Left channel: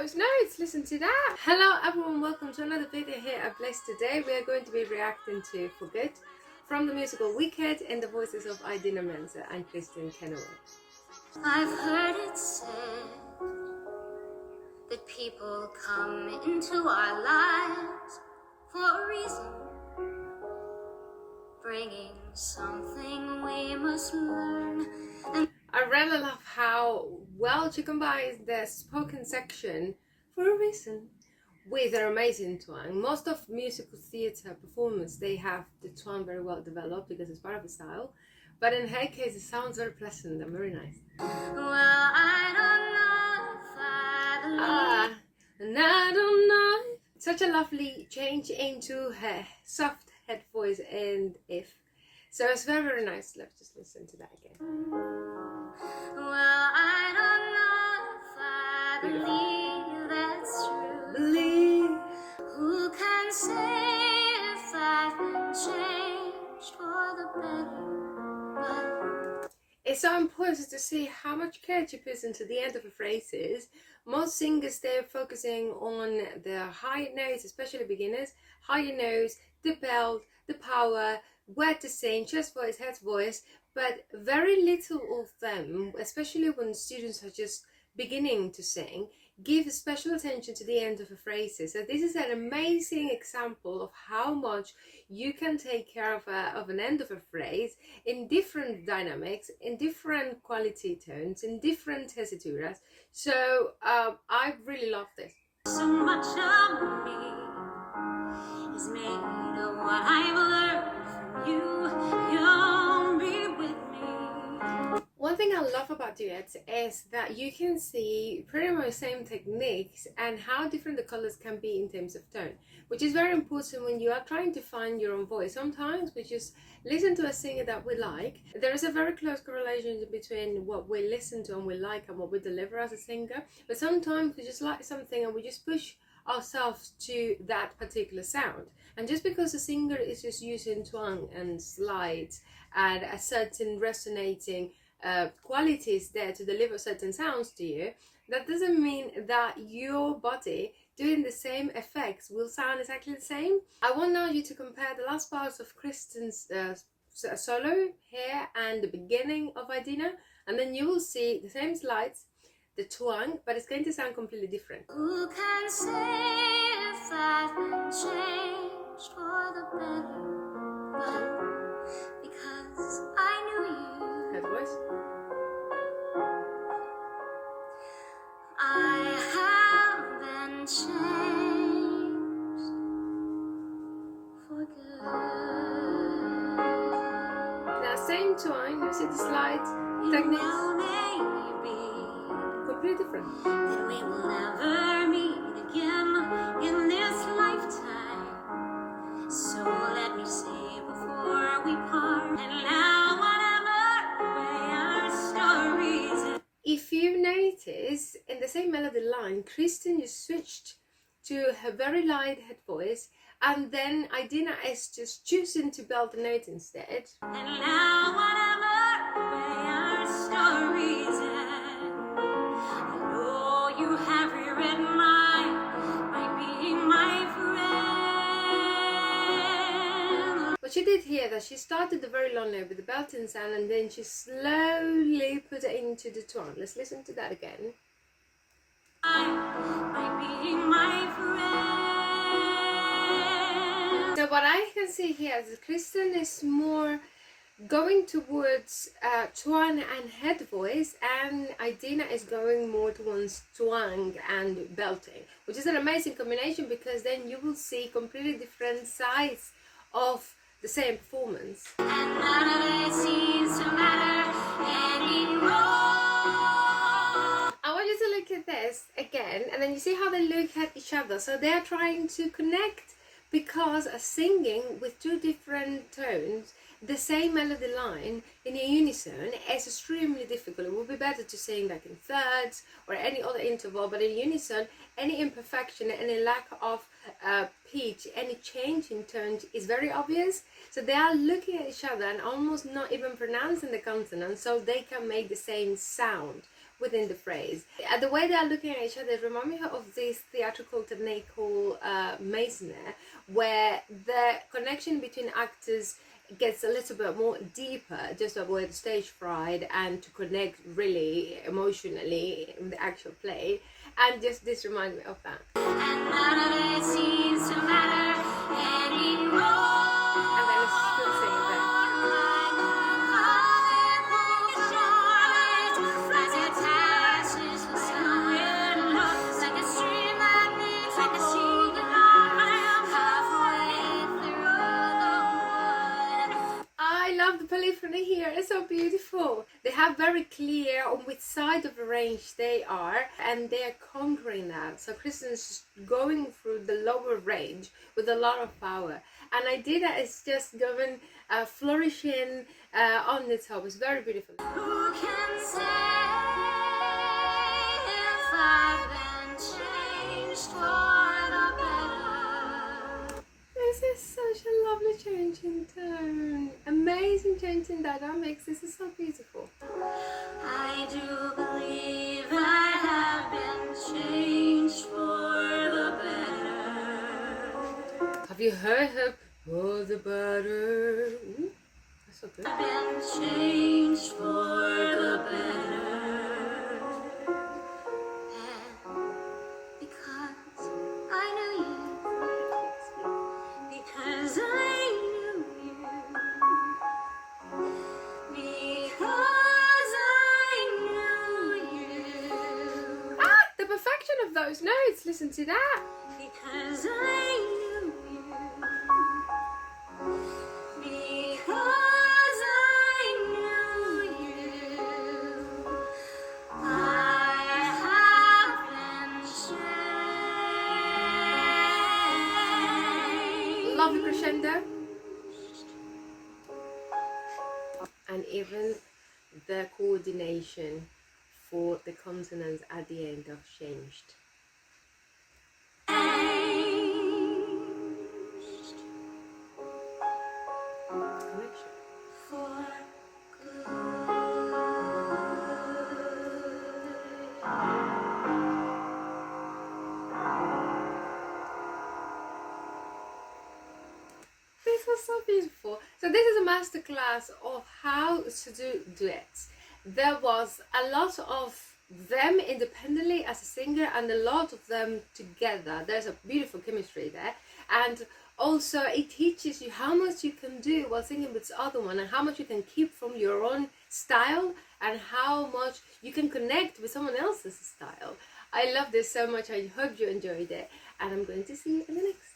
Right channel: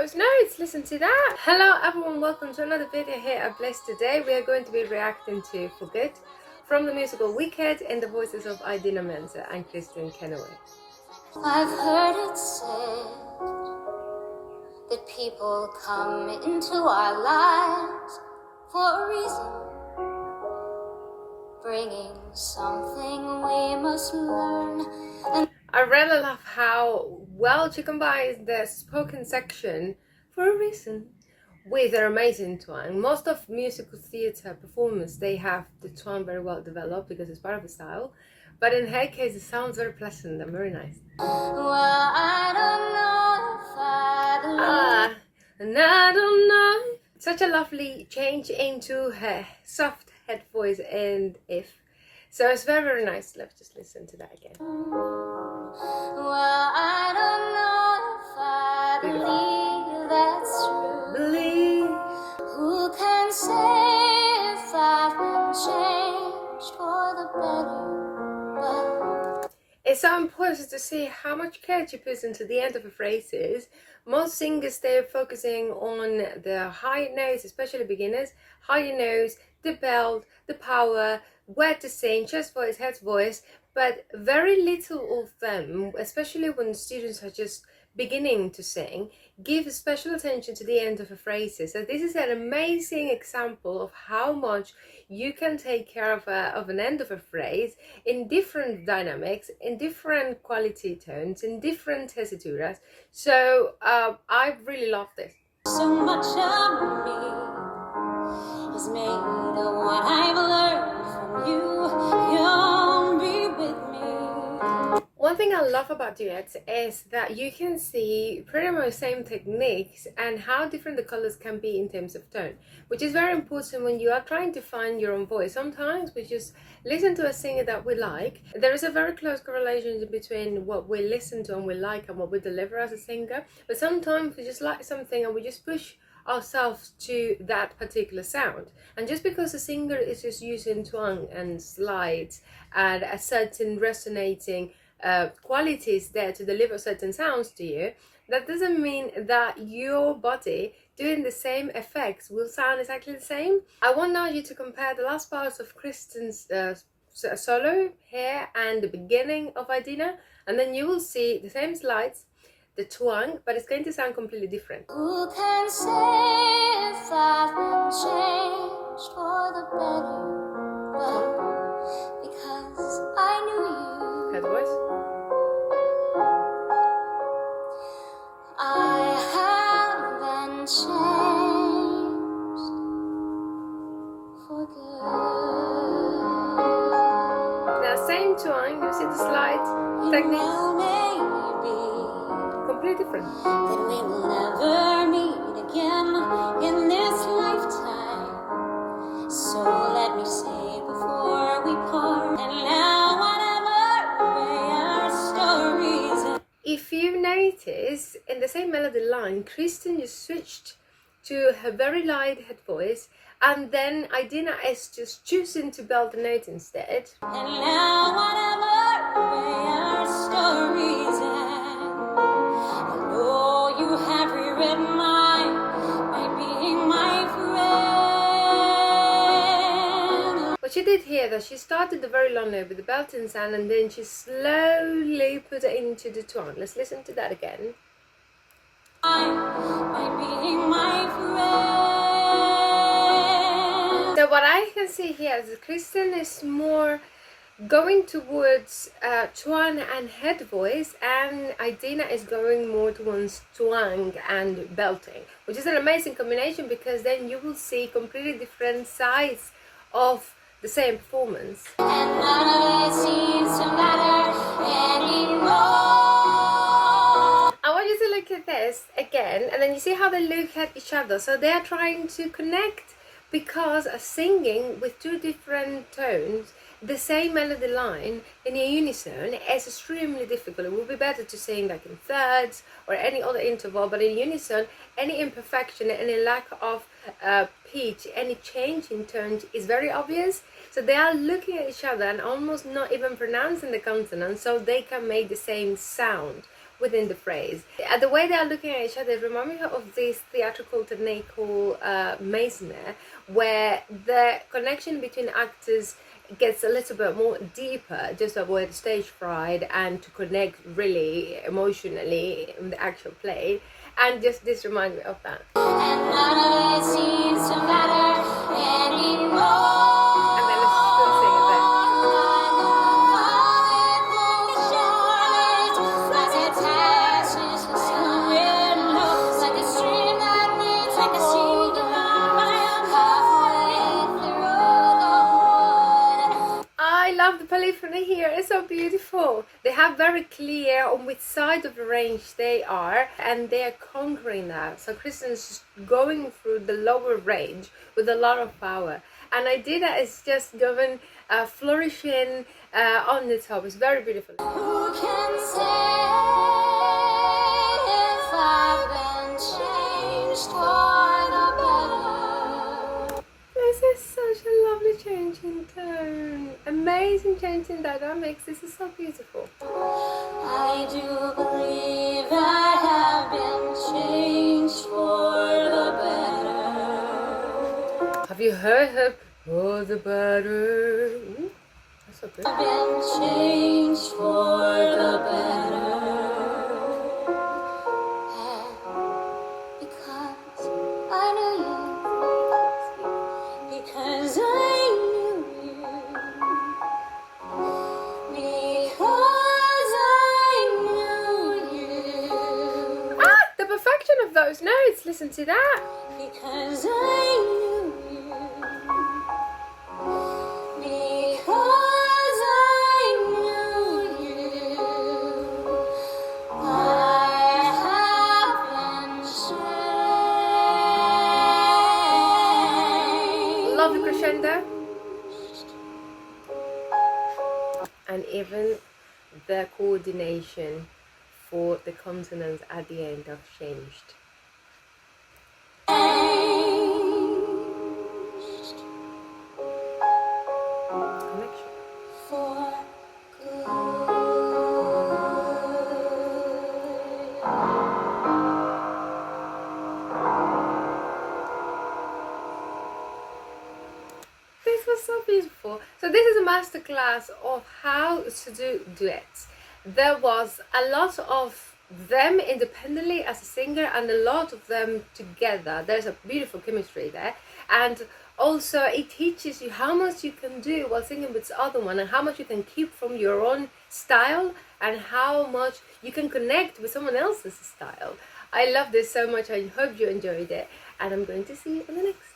those notes, listen to that. Hello everyone, welcome to another video here at Bliss. Today we are going to be reacting to For Good from the musical Wicked in the voices of Idina, Menzel and Kristin, Chenoweth. I've heard it said that people come into our lives for a reason, bringing something we must learn. And I really love how well she combines the spoken section for a reason with their amazing twang. Most of musical theatre performers, they have the twang very well developed because it's part of the style, but in her case it sounds very pleasant and very nice. well, I don't know if I believe. And I don't know. Such a lovely change into her soft head voice and if. So it's very, very nice. Let's just listen to that again. Well, I don't know if I believe that's true. Believe. Who can say if I've been changed for the better? But It's so important to see how much care she puts into the end of the phrases. Most singers, they're focusing on the high notes, especially beginners. Higher notes, the belt, the power, where to sing, chest voice, head voice, but very little of them, especially when students are just beginning to sing, give special attention to the end of the phrases. So this is an amazing example of how much you can take care of an end of a phrase in different dynamics, in different quality tones, in different tesituras. So I really love this. so much of me is made of what I've learned from you. You'll be with me. One thing I love about duets is that you can see pretty much same techniques and how different the colors can be in terms of tone, which is very important when you are trying to find your own voice. Sometimes we just listen to a singer that we like. There is a very close correlation between what we listen to and we like and what we deliver as a singer, but sometimes we just like something and we just push ourselves to that particular sound, and just because a singer is just using twang and slides and a certain resonating qualities there to deliver certain sounds to you, that doesn't mean that your body doing the same effects will sound exactly the same. I want now you to compare the last parts of Kristin's solo here and the beginning of Idina, and then you will see the same slides, the twang, but it's going to sound completely different. Who can say if I've been changed for the better? But because I knew you, Head voice. I have been changed for good. Now same twang, you see the slides, techniques, Well, maybe completely different. that we will never meet again in this lifetime. So let me say before we part, and now whatever way our stories end. If you notice, in the same melody line, Kristin just switched to her very light head voice, and then Idina is just choosing to belt the note instead. And now whatever way our stories end, I know you have rewritten mine by being my friend. What she did here, that she started the very long note with the belting sound, and then she slowly put it into the twang. Let's listen to that again. By being my friend. So what I can see here is that Kristin is more going towards twang and head voice, and Idina is going more towards twang and belting, which is an amazing combination because then you will see completely different sides of the same performance. And none of it seems to matter anymore. I want you to look at this again, and then you see how they look at each other. So they are trying to connect because singing with two different tones the same melody line in a unison is extremely difficult. It would be better to sing like in thirds or any other interval, but in unison, any imperfection, any lack of pitch, any change in tones is very obvious. So they are looking at each other and almost not even pronouncing the consonant, so they can make the same sound within the phrase. The way they are looking at each other remind me of this theatrical technique called masonry, where the connection between actors gets a little bit more deeper just to avoid stage fright and to connect really emotionally in the actual play. And just this reminds me of that. And none of it seems to matter anymore. And then let's still sing it there. I love the polyphony here, it's so beautiful. They have very clear on which side of the range they are, and they are conquering that. So Kristin's going through the lower range with a lot of power. And Idina is just going flourishing on the top. It's very beautiful. Who can say if I've been changed for the better? This is such a lovely change in tone. Amazing change in dynamics. This is so beautiful. I do believe I have been changed for the better. Have you heard her? For the better. Ooh, that's so good. I've been changed for the better. And because I knew you. Because I knew you. Because I knew you. Ah, the perfection of those notes. Listen to that. Because I knew you. Because I knew you. I have been changed. Lovely crescendo. And even the coordination for the consonants at the end of changed. Connection. For good. This was so beautiful. So this is a masterclass of how to do duets. There was a lot of them independently as a singer and a lot of them together. There's a beautiful chemistry there, and also it teaches you how much you can do while singing with the other one, and how much you can keep from your own style, and how much you can connect with someone else's style. I love this so much. I hope you enjoyed it, and I'm going to see you in the next